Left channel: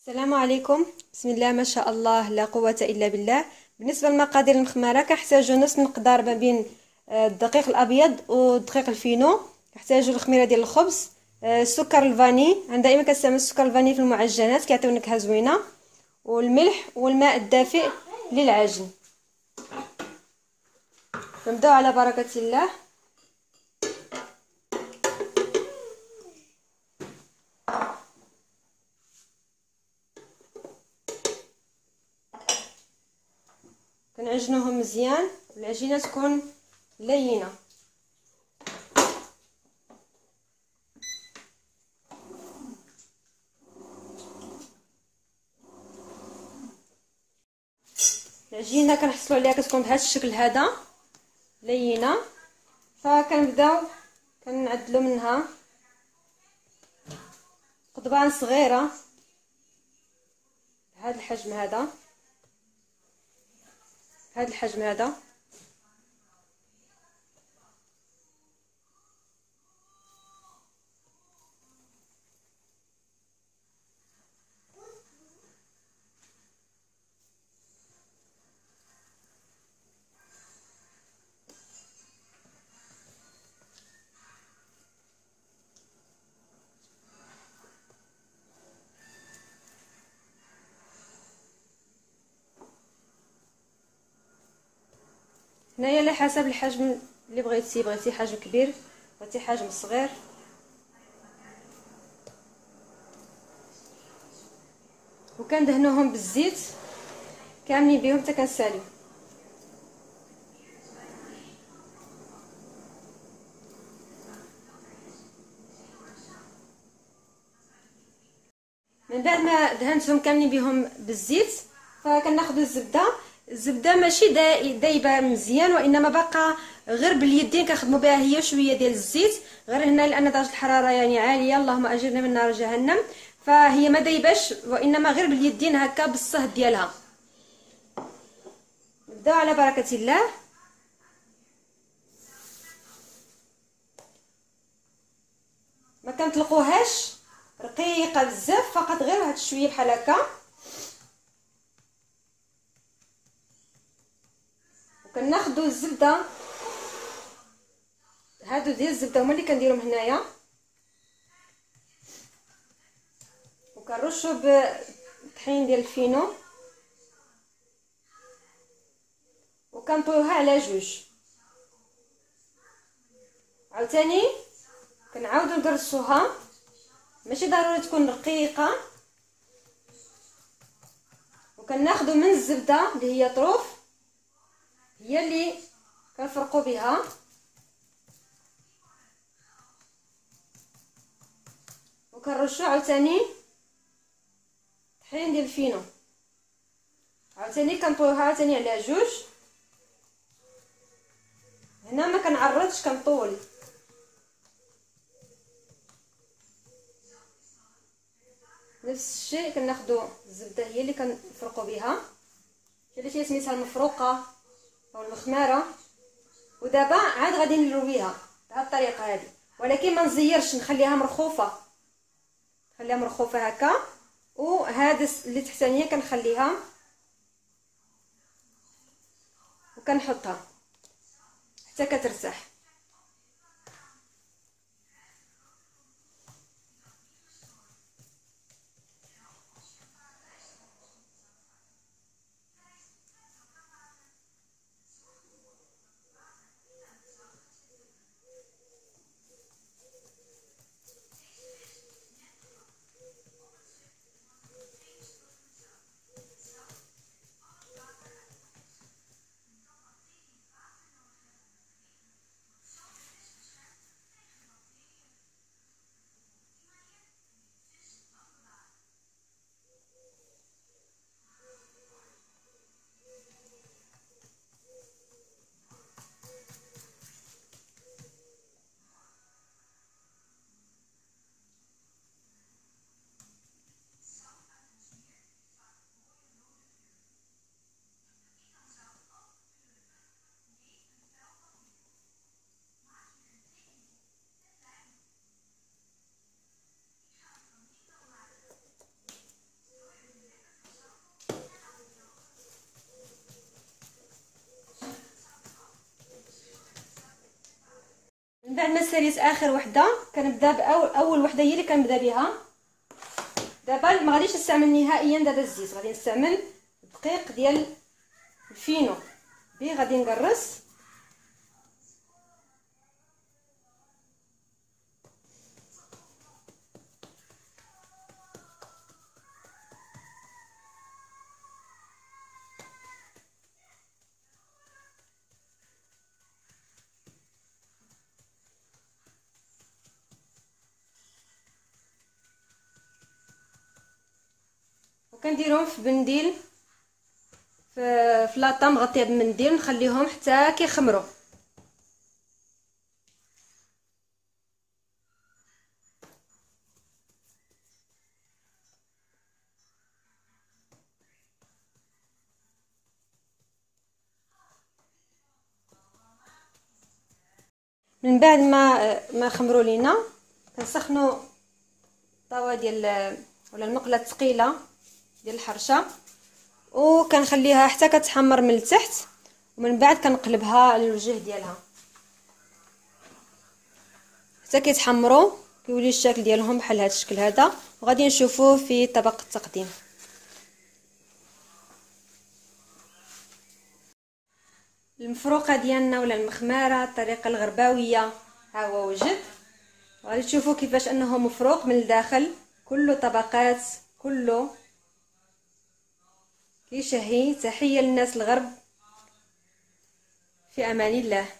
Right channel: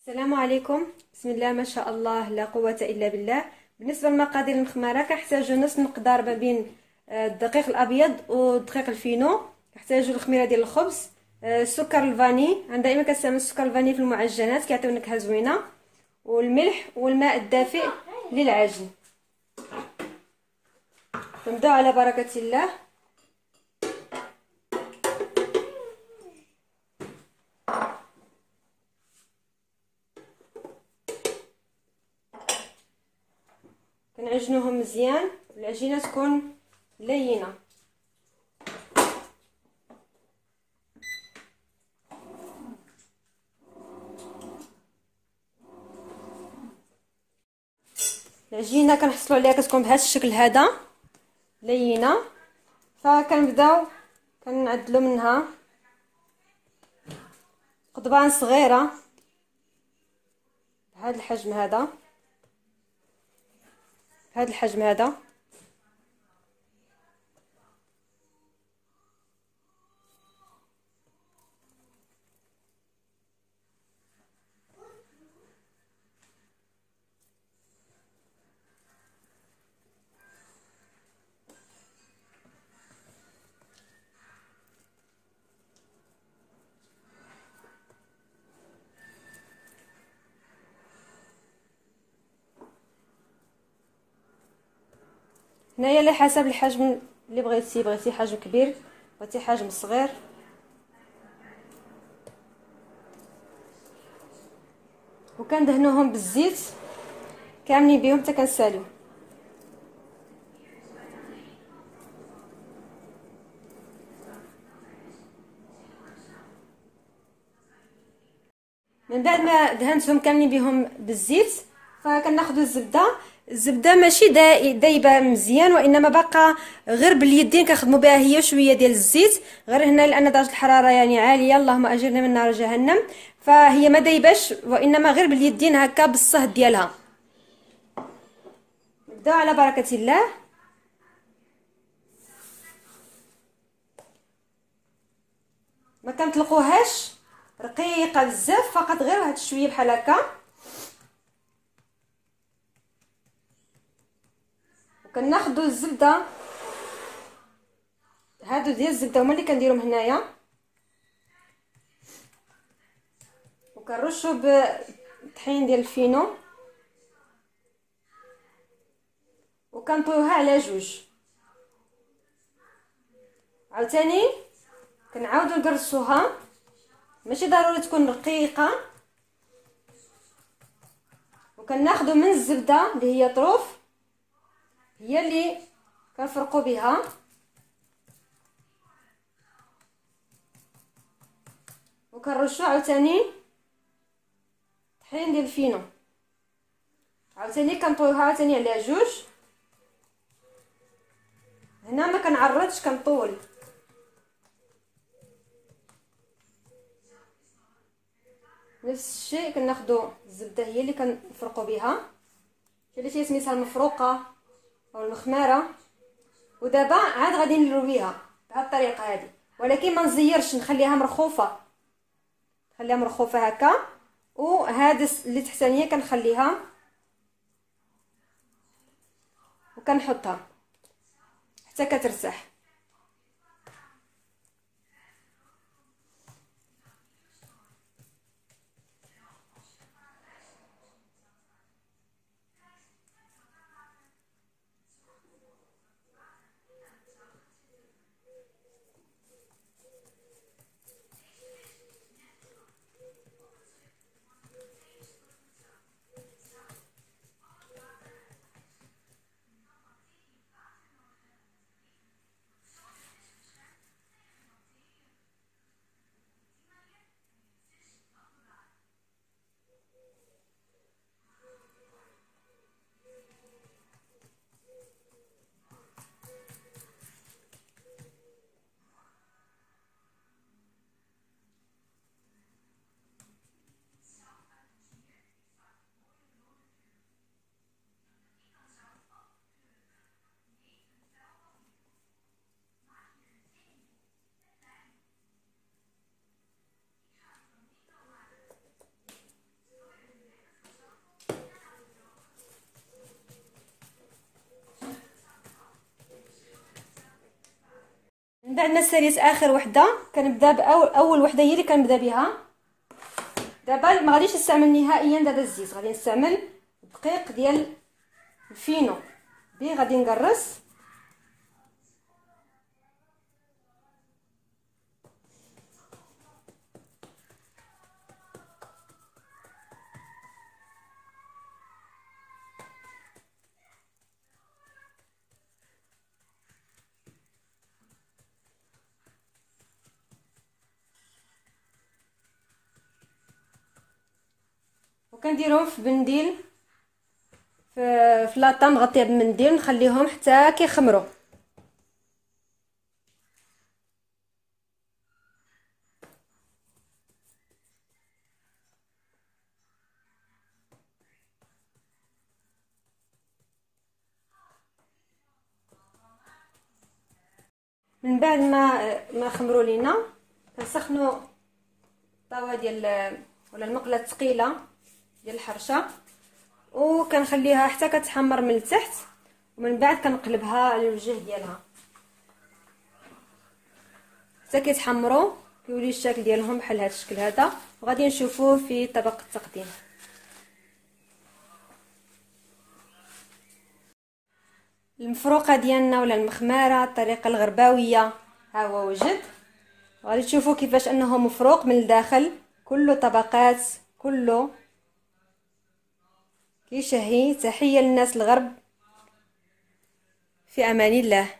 السلام عليكم. بسم الله ما شاء الله لا قوة إلا بالله. بالنسبة لمقادير المخمرة كنحتاجو نص مقدار ما بين الدقيق الأبيض والدقيق الفينو. كنحتاجو الخميرة ديال الخبز، السكر الفاني، أنا دائما كنستعمل السكر الفاني في المعجنات كيعطيو نكهة زوينة، والملح والماء الدافئ للعجن. نبداو على بركة الله. كنعجنوهم مزيان، العجينة تكون لينة. العجينه كنحصلوا عليها كتكون بهذا الشكل هذا لينه، فكنبداو كنعدلوا منها قضبان صغيره بهذا الحجم هذا، بهذا الحجم هذا. هنايا على حسب الحجم اللي بغيتي حجم كبير، بغيتي حجم صغير. وكندهنوهم بالزيت كاملين بهم حتى كنساليو. من بعد ما دهنتهم كاملين بهم بالزيت فكناخذوا الزبده ماشي دايبه مزيان، وانما باقا غير باليدين كنخدموا بها هي شويه ديال الزيت، غير هنا لان درجه الحراره يعني عاليه، اللهم اجرنا من نار جهنم، فهي ما دايباش وانما غير باليدين هكا بالصهد ديالها. نبداو على بركه الله. ما كنطلقوهاش رقيقه بزاف، فقط غير واحد شويه بحال هكا. وكناخذوا الزبده، هادو ديال الزبده هما اللي كنديرهم هنايا، وكنرشوا بالطحين ديال الفينو وكنطويوها على جوج. عاوتاني كنعاودو نقرصوها، ماشي ضروري تكون رقيقه. وكناخذوا من الزبده اللي هي طروف، هي اللي كنفرقوا بها، وكنرشوا عاوتاني طحين ديال الفينو، عاوتاني كنطويوها عاوتاني على جوج. هنا ما كنعرضش، كنطول. نفس الشيء كناخذوا الزبده هي اللي كنفرقوا بها، اللي سميتها المفروقه او المخماره. ودابا عاد غادي نرويها بهذه الطريقه هذه، ولكن ما نزيرش، نخليها مرخوفه، نخليها مرخوفه هكا. وهذا اللي تحتانيه كنخليها وكنحطها حتى كترتاح. من بعد ما ساليت اخر وحده كنبدا اول وحده هي اللي كنبدا بها. دابا ما غاديش نستعمل نهائيا دابا الزيت، غادي نستعمل الدقيق ديال الفينو بي، غادي نقرص. وكنديرهم في بنديل، في لاطه مغطيه بمنديل، نخليهم حتى كيخمروا. من بعد ما خمروا لينا كنسخنوا الطاوه ديال ولا المقله الثقيله ديال الحرشه، وكنخليها حتى كتحمر من التحت، ومن بعد كنقلبها على الوجه ديالها حتى كيتحمروا، كيولي الشكل ديالهم بحال هذا الشكل هذا. وغادي نشوفوه في طبق التقديم. المفروقه ديالنا ولا المخماره الطريقه الغرباويه ها هو وجد. غادي تشوفوا كيفاش انه مفروق من الداخل، كله طبقات، كله كيشهي. تحيه للناس الغرب، في امان الله.